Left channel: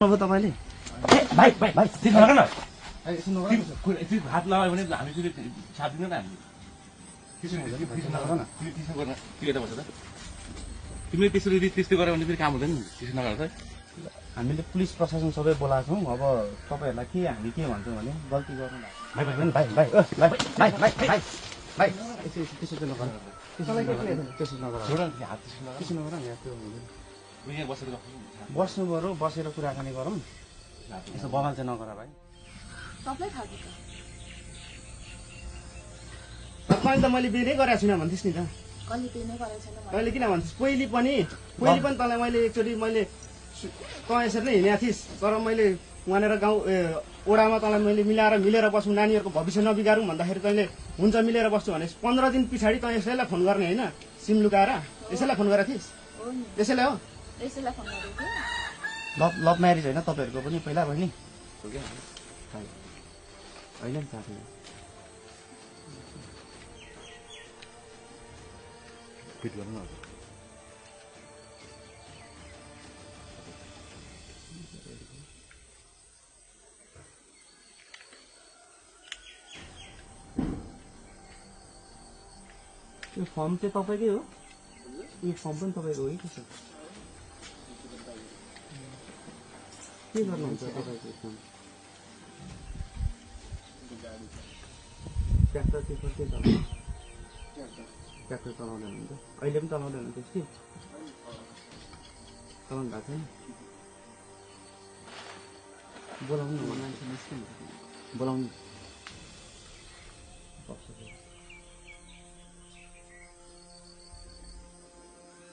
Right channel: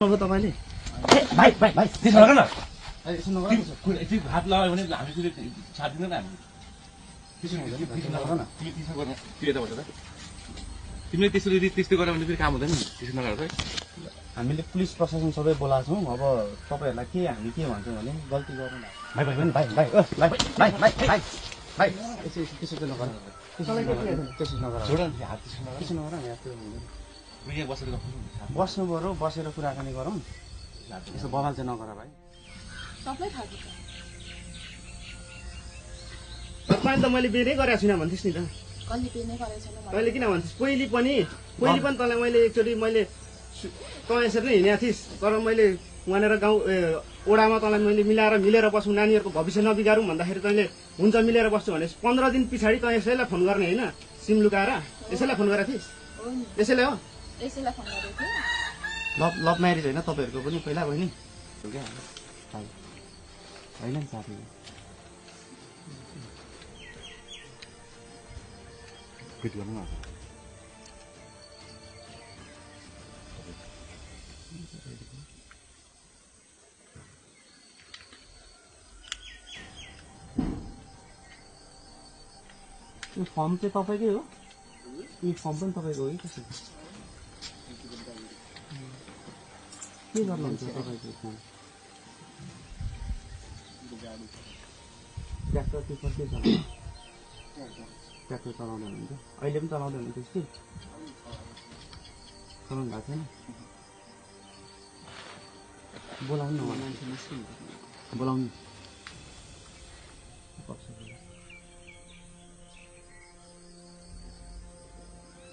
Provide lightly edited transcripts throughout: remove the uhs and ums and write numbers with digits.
तपाईले भाइ भाइ भाइ त्यसो गर न हात लगायो भने हामी फेरि छाड्दिन त हामी त्यसो हुँदैन तिमीले त्यसरी त्यस्तो गर्यो भने फेरि काम हुँदैन नि त्यसो नगर हामीले पुलिस प्रशासन सबै बोलाएको छौँ। अब तपाईहरुलाई के हामी के भन्छौँ भने गल्ती गर्नु भाइ भाइ भाइ भाइ भाइ भाइ भाइ भाइ त्यसो चाहिँ नगर त्यसो नगर हात त्यसो नगर यहाँ बसेर बस्नु पर्यो बसेर कुराकानी गरौँ। त्यसो बवाल चाहिँ नगर भाइ। सबै थाहा छ मैले त मैले बेरै गरेको छुइनँ भन्थिस् नि त। कहिले बेरै गरेको छैन मैले किन भन्थिस् पहिले पनि तँलाई मैले एकचोटि मैले कयसर नै हिँडेको थिइस्। तर मैले वहाँनिर गाउँ ओडामा तँलाई मैले मिलेर बसौँ नानीहरूको भविष्य नबिगारौँ भन्दाखेरि तैँले हुन्छ मिलेर बस्छु भने 15 दिन पछाडि तँ यसैलाई फोन गर्ने होइन सिम लुकाएर यसैलाई फोन गरेको थिइस्। यसैलाई हो यसैलाई फोन गरेको थिएँ। लभ म्यारेज होइन तपाईँहरूको पनि पहिला बहिनी होइन नि साथी फिट गर्नु यो फर्म चाहिँ तपाईँकै हो? यो फर्म पनि तपाईँको हो कि कसो के गर्नुहुन्छ तपाईँको फर्म? ट्र्याक्टर त्यो के चलाउनु? ट्र्याक्टर चलाउँदै हुनुहुन्छ? अहिले पनि चलाउँदै हुनुहुन्छ कि चलाउनु भएको छैन? बोलाउनु मान्छे निस्किनु बोलाउनु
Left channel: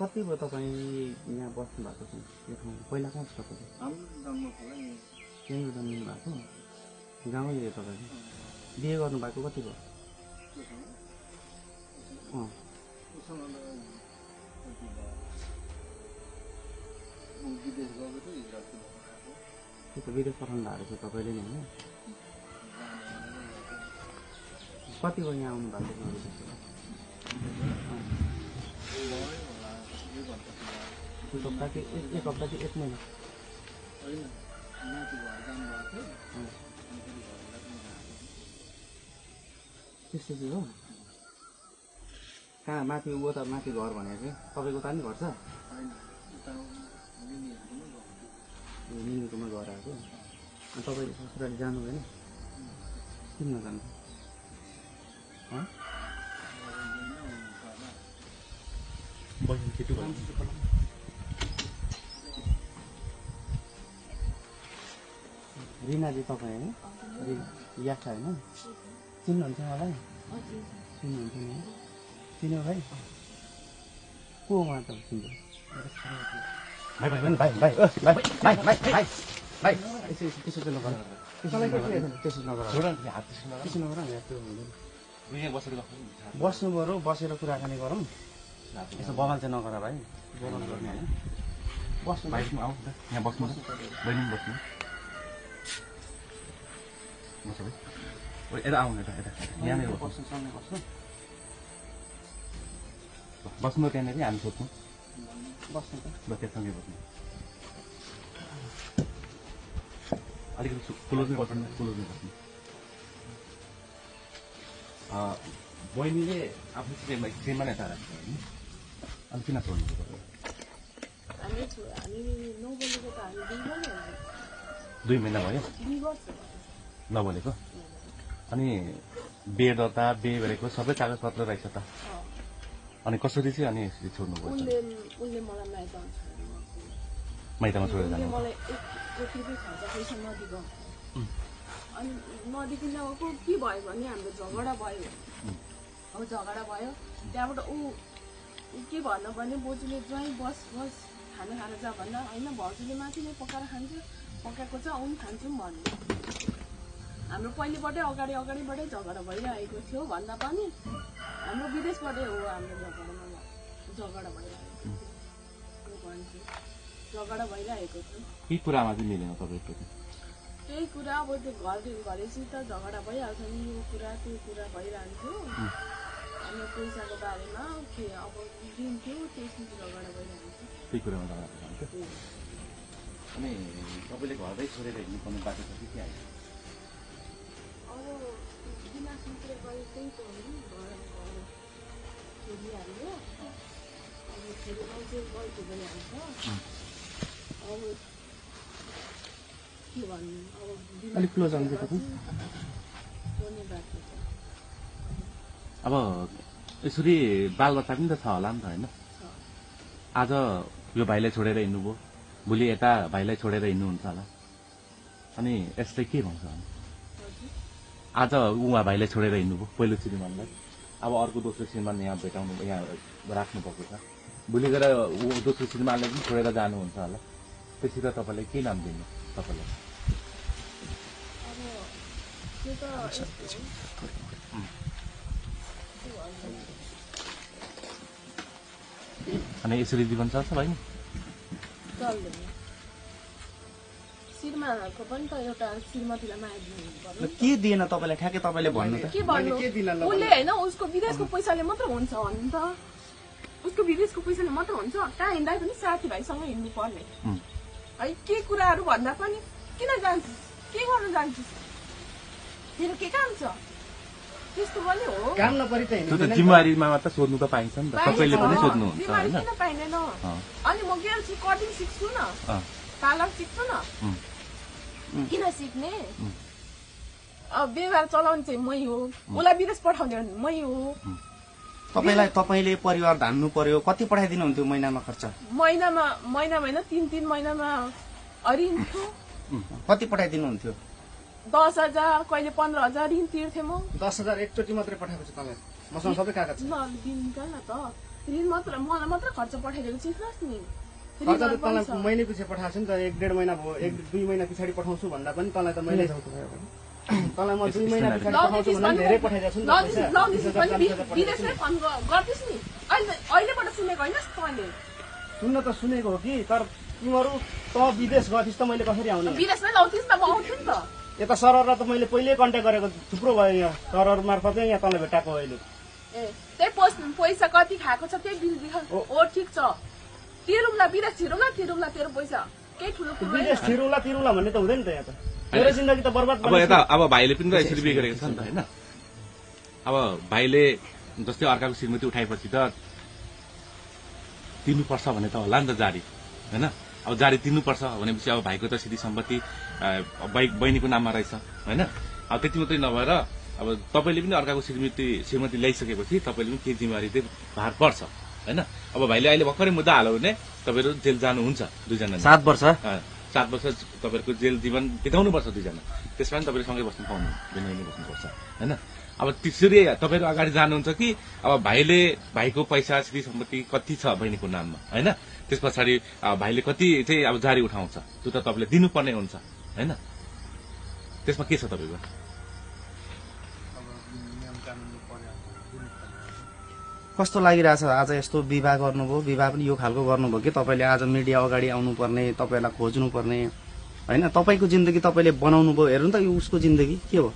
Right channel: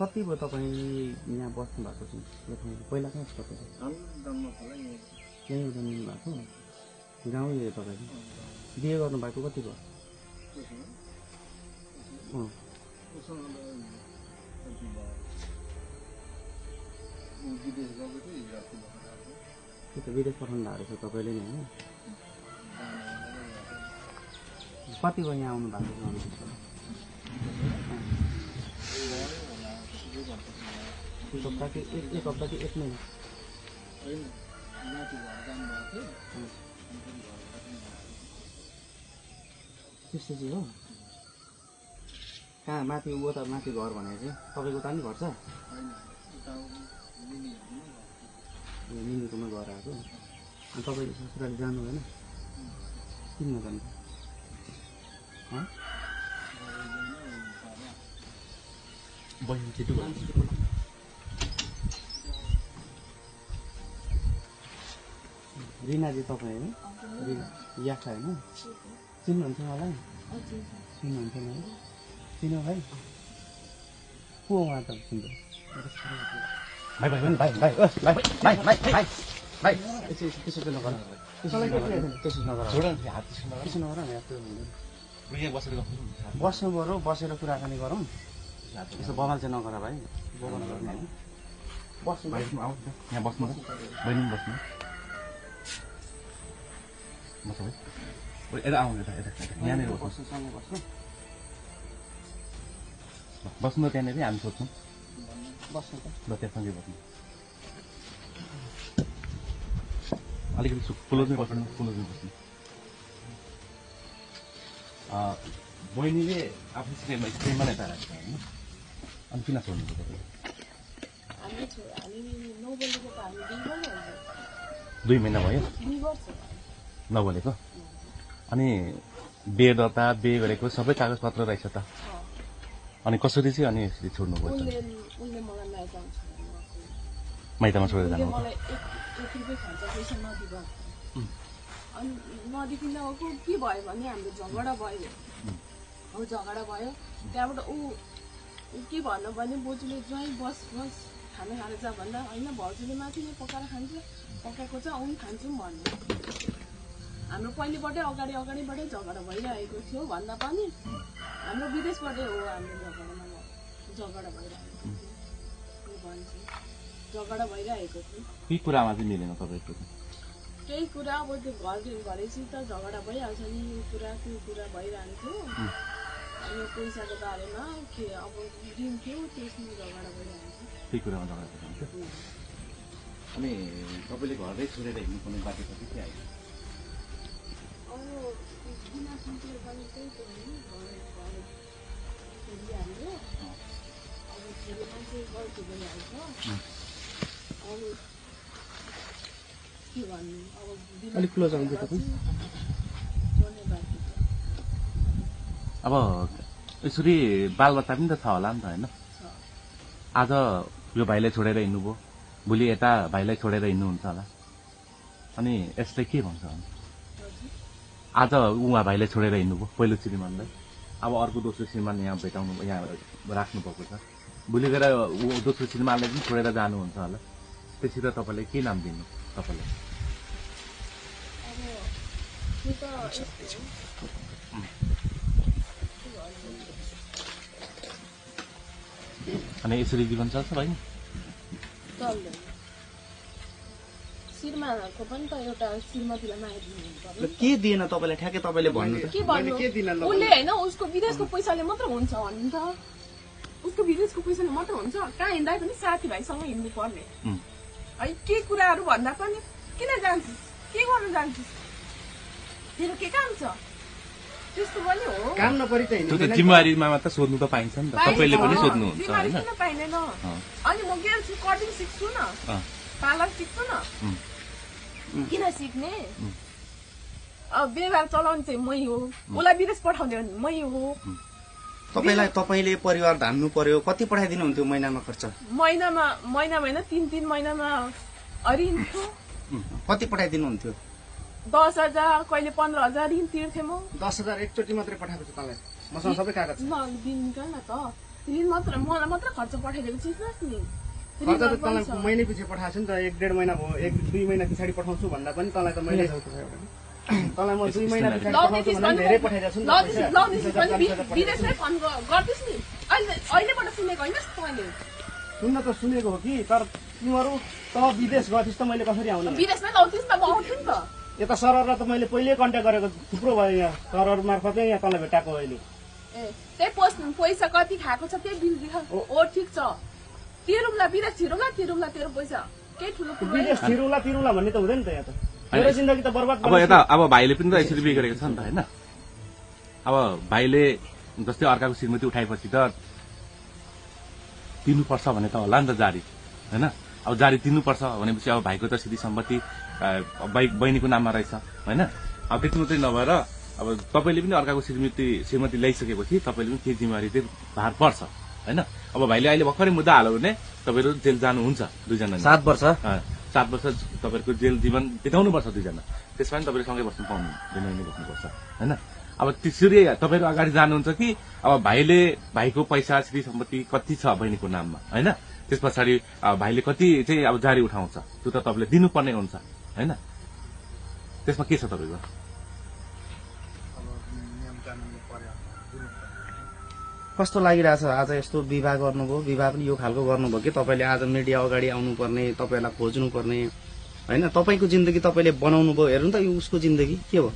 कति भयो तपाईँ यहाँ बस्नु भएको छ यो ठाउँमा? पहिला कहाँ छ तपाईँ? यहीँ जन्मिनु भएको गाउँ यो तपाईँको? बिहे गर्नुभएको कति भयो? त्यो त विदेश पठाउनु भएको छ तपाईँले नै होइन? कति भयो यहाँ आउनु भएको छ? एक हप्ता कि एक महिना? त्यस्तो चाहिँ हो? कहाँ माथि ऊ त माथि घर भनेको चाहिँ तपाईँको उता नि घर छ? मिनुकोमा घर आएको? अनि तपाईँले ससुराली जानु भएन? किन नजानु? रिनाजी तपाईँ होइन? याखा होइन? चिन्नुहुन्छ मलाई? चिन्नुहुन्छ नि? चिन्यो भाइ? को उहाँ त चिन्छ? भाइ भाइ भाइ भाइ भाइ त्यसो चाहिँ नगर त्यसो नगर बस्नु पर्यो बसेर कुराकानी गरौँ। त्यसो बवाल चाहिँ नगर भाइ। बस्नु यहाँ बस्नु बहिनी बस्नु यता आउनु यहाँनिर बस्नु सँगै बस्नु बस्नु त्यहाँनिर हामी सोध्छौँ बस्नु त ल त्यहाँसँगै बस्नु अलिकति क्लोजमै बस्नु बहिनीले आफ्नो स्क्रिनमा नै तारा होइन? अनि किन छोड्नु हामी 9 बजेको त हामी 2 महिना भयो नबोलेको? अनि बे दर्ता बे गरेको सबै कागज पत्र रहेछ त? अनि कसरी चाहिँ अनि छोड्नु पर्छ? उसले मलाई माइतमा छोडेर जानु? मलाई 1 रुपियाँ खर्च पैसा नदिएको अनि नदिकन के भयो भने हाम्रो झगडा भयो। अब झगडा भयो त्यहाँबाट ऊ के भन्नु भने बोजूले ज्वाइँ बस खाना खाएर जा भन्दा होइन भाउजूले माथि नै पकाएर खान्छ पकाएको छ आउनु खान्छौँ भन्नु। हाम्रो पहिलेबाटै अगाडिबाटै झगडा भइरहेको थियो भन्दा पनि हाम्रो विदेशबाटै हो हाम्रो झगडा भइरहेको थियो भन्छु झगडा भइरहेको थियो। के कुरामा चाहिँ मिलेन तपाईँको? केही कुरा अब त्यो घरैसित झगडा भइहाल्छ नि यो कुरा त्यो कुरा भइरहन्थ्यो। अनि पैसाको बारेमा के अब दिन्थ्यो त्यसमा झगडा भइरहन्थ्यो। त्यही कुरामा झगडा भइरहन्थ्यो। अनि तपाईँले घरै छोडेर हिँड्नुपर्ने बाटो कति के आयो? अब दिमागतिर पनि त्यही त हो नि, घर छोडिहाल्यो। अब छोरी मान्छे गल्ती भइहाल्छ। अब के भन्नु, अब अलिक क्लोज आउँछ तपाईँ। छोड्ने बाटो छ। अब यसरी बालबच्चा पनि त छ होला नि त होइन? आज यो भाइलाई छोडेर हिँड्नुभयो, भोलि यता भाइलाई छोडेर हिँड्नुहुन्छ होला, अनि यसले के भन्छ? आज उहाँ भाइलाई छोडेर हिँड्नुभयो पहिलो श्रीमानलाई, अब अर्को दोस्रो श्रीमान यहाँ भेटाउनु यहाँ राख्नु भएको छ, भोलि गएर दोस्रो श्रीमानलाई पनि छोडेर जानुहुन्छ होला, त्यसरी तपाईँले के नाम दिनु तपाईँले? अनि यसरी जीवन चल्छ भाइ? चल्दैन। श्रीमानहरूको पनि त एउटा श्रीमतीलाई माया दिनु पर्यो। के दिएन तपाईँलाई ठ्याक्कै तपाईँले भन्नु त? के भन्नु, उसले होइन उसको विदेशको पैसाले मात्र हुन्छ भन्नु त, उसको विदेशको पैसाले मात्र हुन्छ। कहाँ हिँड्दा पनि साथीभाइसँग हिँड्नु पर्ने है। के कुराहरू भन्दा पनि किन जान्छु, के गर्न जान्छु, तेरो के काम छ, त्यस्तो पनि हो। काम नपरि त त्यो त जिम्मेवारीमा मात्र सोध्नु त पाइन्छ नि त, तपाईँले पनि सोध्नुहुन्छ होइन? किन पाइँदैन? अनि म गेर्छु, कटिङ सिक्छु न, पार्लर सिक्छु न, किन सिक्ने? अब व्यवहार चलाउने चाहिँ मै हो, उसलाई विदेश पठाउने भने मै हो। तपाईँले परिवार धान्नु पर्यो, कति पठाइदिनु हुन्थ्यो महिनामा खर्च? महिनामा होइन 3 महिनामा अरिन्थ्यो। कति पठाइदिनु हुन्थ्यो? 10,000 कहिले 15,000 ऋण तिर्थे म। 10,000 एकचोटि मात्रै पठाएको छु तपाईँ, मसँग सबै कागज छ। दिनका न त ऋण मात्र, मलाई मात्र खर्च पठाइदिएको चिन्नुहोस् नि। महिना पछि पठाएको छु नि त, 1-1.5 महिना भयो, 1-2 महिना पछाडि पठाउँछु भन्दा पनि तँलाई त मैले तँलाई म 2 महिना पछाडि पठाउँछु भन्दा धेरै पठाइदिएको छु नि त। विदेशमै फोन गर्दिस् नि, अहिलेबाट सुनेको होइन तैँले? सुन्न त सुनेको हो कि, तर तिमीहरू त विदेश गएपछि त मैले कसरी आउने? विदेशमै लाउँथिस् त, म आउँथेँ नि त। यता सरहरूलाई त मैले पहिल्यै कन्ट्याक्ट गरेको थुप्रो भयो, यहाँ सरहरू मार्फतै यहाँ तँलाई भेटाएको अहिले। त्यही पैसा कति खाएको छ त्यही बिल दिखा। ओ ठिक छ, तिरौला विदेश तिरौला तेरो पैसा केही ठुलो कुरो विदेश तिरौला भन्ने त हुँदैन त यहाँ त। मेरो जिन्दगी त बर्बाद अब यता अब भाइले पनि त यसरी बिहे गरेको छ नि त होइन? अब भाइले जस्तै अर्काको श्रीमती उठाएपछि त तिर्नुपर्छ भन्ने त होला नि त जारी होइन? अब जारी तिर्नुपर्छ भनेपछि अब भाइको त सिधी सम्पत्ति बहिनीको नाममा रहेछ होइन? अब त्यति मात्रै नभएर अब तपाईँले पनि अर्काको श्रीमती ल्याइसकेपछि तपाईँले पनि केही जिम्मेवारी चाहिँ भार पर्छ होइन? अब भाइले अहिले भर्खरै मुद्दा हाल्यो भने तपाईँहरू जेल जानुहुन्छ दुईजना। 7 वर्ष 7 वर्ष तपाईँहरूको जेल जीवन बिताउनुपर्छ दुईजना, त्यसमा पनि तपाईँले सँगै बस्नु पाउनु, भिन्नै बस्नुपर्छ होइन? अब त्यसरी तपाईँहरू अगाडि जानुहुन्छ कि अब भाइको पैसा श्री सम्पत्ति कति छ बहिनीको नाममा होइन? त्यस पछाडि भाइले कति चाहिँ अब जारी उठाउँछ त्यो त तपाईँले दिनुपर्ने हुन्छ होइन? त्यसमा के छ तपाईँको? कस्तो लागिरहेछ आज यस्तो विवाह गर्नुभयो, विवाह पनि यो खालको गर्नुभयो कि तपाईँले आज मिडिया अगाडि आउनुपर्ने, तपाईँलाई खोज्नुपर्ने होइन? तपाईँको जिन्दगी तपाईँले बनाउनु भयो, हेर्नु त यो उसको जिन्दगी के हो,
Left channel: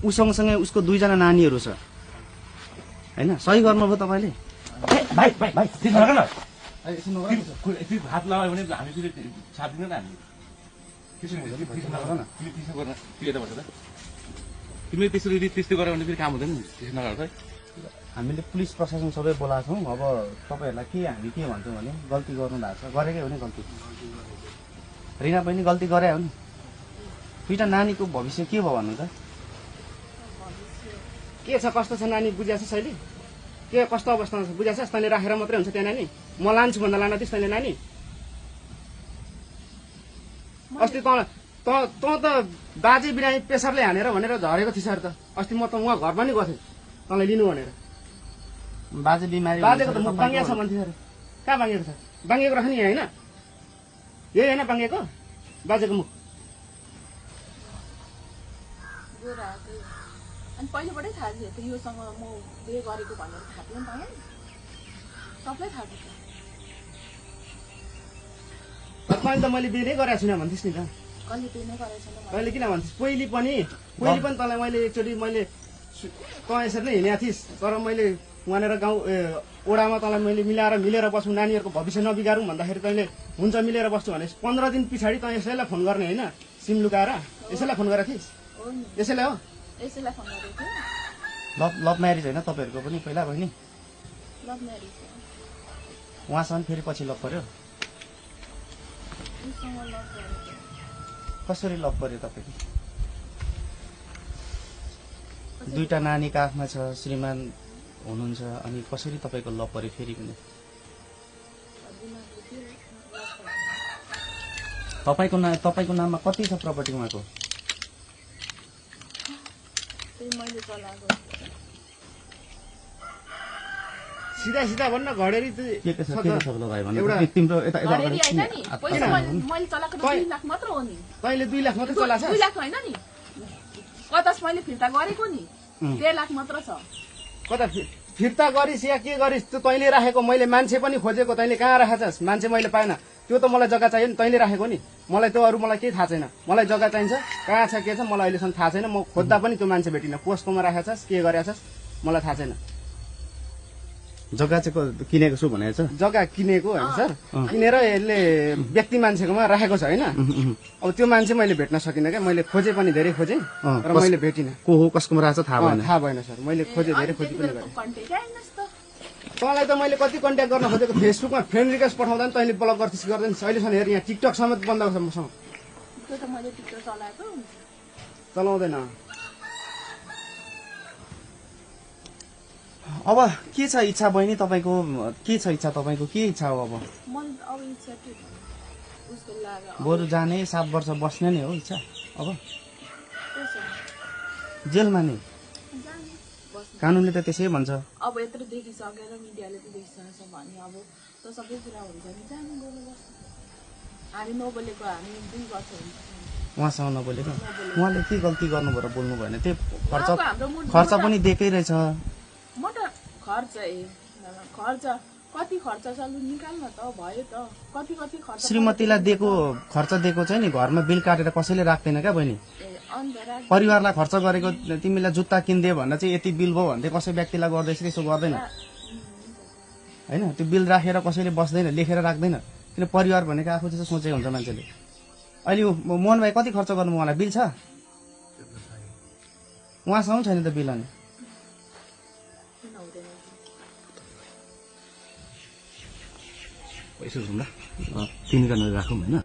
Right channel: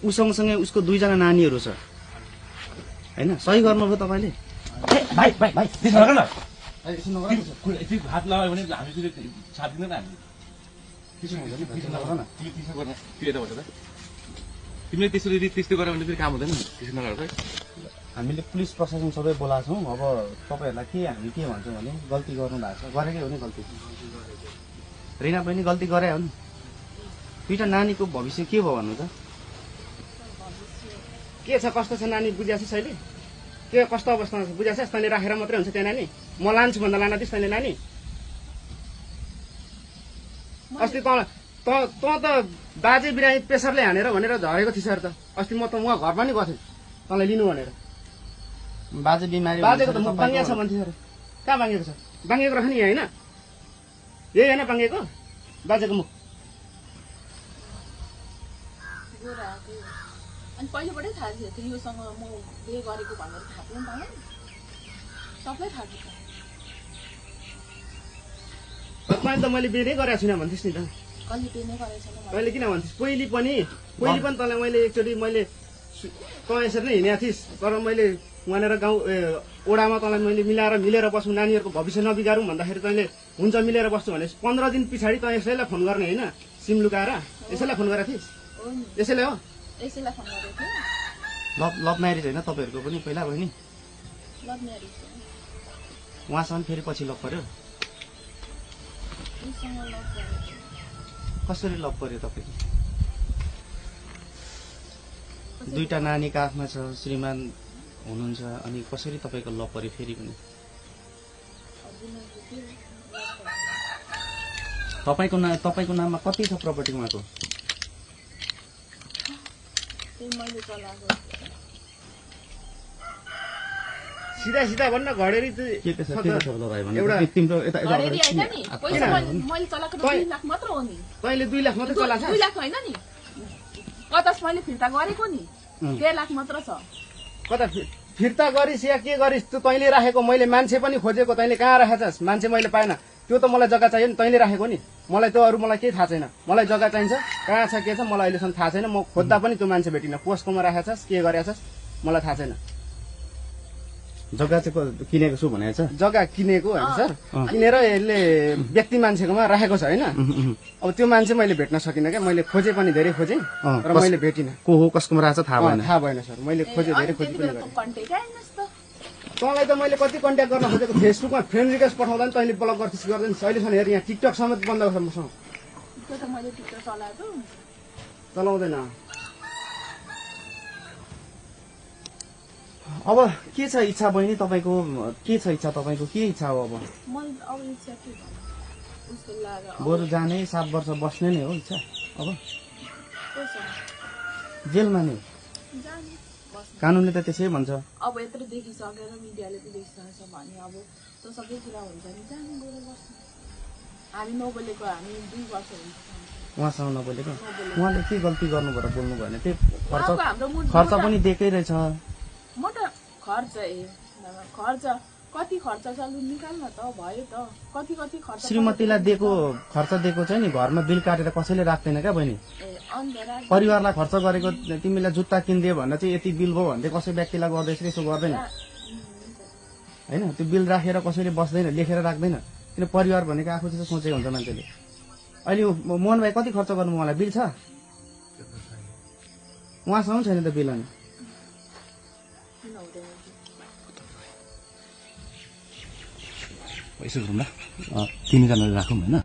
ऊ सँगसँगै उसको 2 जना नानीहरू छ होइन? सही गर्नुभयो तपाईँले। हात लगायो भने हामी साथ दिँदैन हामी। तिमीले त्यसरी त्यस्तै गऱ्यो भने फेरि काम हुँदैन नि, त्यसो नगरेर। हामीले पुलिस प्रशासन सबै बोलाएको छौँ। अब तपाईँहरूलाई हामी के भन्छौँ भने गल्ती गर्नु भएको छ, गरेकै हो नि गल्ती। रिना पनि गल्ती गरे हो नि। 2टा नानीको भविष्य के भयो भन्नु त? के छ कस्तो छ नानी बुझिएको छ अहिले? के कस्तो अवस्थामा छ बुझिएको छ? तैँले राखेर मात्रै हुन्छ त्यो नानी? म लान्छु भन्दा लान दिस् तैँले नानी? अस्ति त बाजे बिरामी प्रेसरले हानेर भनेर झरेको थिएछ अरे त। अस्ति म घरमा नि गएको थिएँ तँलाई लिनु भनेर। बाजे बिमारी बाजेको त मुख बाङ्गिया छ भन्थ्यो अरे। कहाँ बाङ्गिएको छ? बाङ्गिएको रह नि होइन? यही होइन बाङ्गिएको बाजेको मुख? अनि पहिलेबाटै थाहा थियो योसँग म बिहे गरेको भनेर थाहा थियो नि त, सबलाई थाहा थियो। मैले त मैले बिहे गरेको छुइनँ भन्थिस् नि त। कहिले बिहे नै गरेको छैन मैले किन भन्थिस्? पहिले पनि तँलाई मैले एकचोटि तँ यसरी नै हिँडेको थिइस्, तर मैले वहाँनिर गाउँ ओडामा तँलाई मैले मिलेर बस्नु, नानीहरूको भविष्य नबिगारौँ भन्दाखेरि तैँले हुन्छ मिलेर बस्छु भने 15 दिन पछाडि तँ यसैलाई फोन गर्ने होइन, सिम लुकाएर यसैलाई फोन गरेर थिइस्? हो नि, यसैले हो? यसैलाई फोन गरेको थिएँ। लभ म्यारिज होइन तपाईँहरूको पनि पहिला बहिनी? लभ म्यारिज हो। उहाँसँग फेरि पछि लभ पर्यो? उसँग लभ गरेको। कसरी लभ पर्यो तपाईँको? दुईटा नानीका आफ्ना छ, श्रीमान हुनुहुन्छ, अनि कसरी तपाईँको लभ पर्यो फेरि पनि? तपाईँको नाममा कति छ प्रपर्टी उहाँको? मैले चलाएको। सिधा गर्न घडेरी के छ भाइ भने एउटा तिम्रो यता घडेरी होइन नि, पैसा मैले चलाएको 2 लाख मात्र हो नि। तैँले 2 लाख मात्रै चलाएको 2 लाख होइन नि, 50 मैले फिर्ता गरेको नि, 1.5 लाख मात्र छ। कता फिर्ता गरिस् या के गरिस् त्यो तैँले राखेको, मैले मान्छे पनि खोजेको, तैँले कहाँ राखेछस्? मान्छे मैले पाएन, त्यो त मलाई जग्गा चाहियो नि, तैँले राखेको नि। मलाई त्यो अरू मलाई केही थाहा छैन, मलाई जग्गा चाहिन्छ, कहाँ छ के छ मलाई अहिलेसम्म थाहा छैन। म खोज्दा पनि त्यो मान्छे भेटिनँ, पोस्टकोमा राखेछस् के गरेछस् मलाई थाहा छैन। जग्गा चाहिँ किनेको छु भनेको छ? जग्गा किनेको होइन सर, किनेर यसले व्यक्ति मान्छेकोमा राखेको छ होइन। अब त्यो मान्छे मैले भेट्न सकिनँ क्या, मैले खोजे पनि धेरै खोजेँ तर मैले भेटिनँ। को हो कसकोमा राखेको छ थाहा भएन? थाहा भएन सर, मैले खोजे धेरै खोजी पनि गरेँ। तँलाई त मैले कति कन्ट्याक्ट गर्न खोजेको, फेसबुकमा फ्रेन्ड रिक्वेस्ट पठाउँदा पनि तैँले ब्लक गर्थिस् गर्दैन। अहिलेसम्म हेर यहाँ टिकटक समेत बन्द छ मसँग। त्यो त मैले टिकटक चलाएको। चलाउँदैन। अब के छ इच्छा बहिनी तपाईँको? के छ इच्छा तपाईँको? के इच्छा हो अब? मलाई अब इच्छा के भन्नु, उसको लाग्यो बरु जाने 7 वर्ष बस्ने नै हो इच्छा अब? कस्तो जेलमा नै? जाने बस्नु। कानुनले त त्यसै भन्छ। अब यत्रो देखिसकेर मिडियाले त देखिसकेछ भने अब त सबै कुरा हुन्छ नि, जाने गएर बस्नु। हामी नबोलेको हामी 2 वर्ष हुन्छ उहाँसँग नबोलेको? उहाँले के गल्ती गर्नु भएर बोल्नु भएन? त्यो हाम्रो खर्च पनि दिएकै रहेछ। म त खर्च खर्च कति खर्च छ लु निकाल्न त भयो त, कति खर्च। श्रीमतीलाई दिएको खर्च दिएको चाहिँ नि घरमा बिल काटेर कसैले राख्दैन क्या बहिनी। परिवारलाई खर्च गरेको तिमीलाई जुत्ता किनिदियो भन्न चाहिँ यति बिल भयो भन्दै कसै व्यक्तिलाई गर्दैछ यसो गर्दैन होइन। त्यो बिल राखेर कसैले बस्दैन, लेखेर राख्दैन, किन परिवार भनेको आफू जस्तो सोचेको हुन्छ मान्छेले। अहिले मोहन भाइ कति खर्च गर्नु उहाँलाई बिल छ? उहाँसँग छैन त बिल। अनि यसो गरौँ न, 3 जना राखौँ होइन।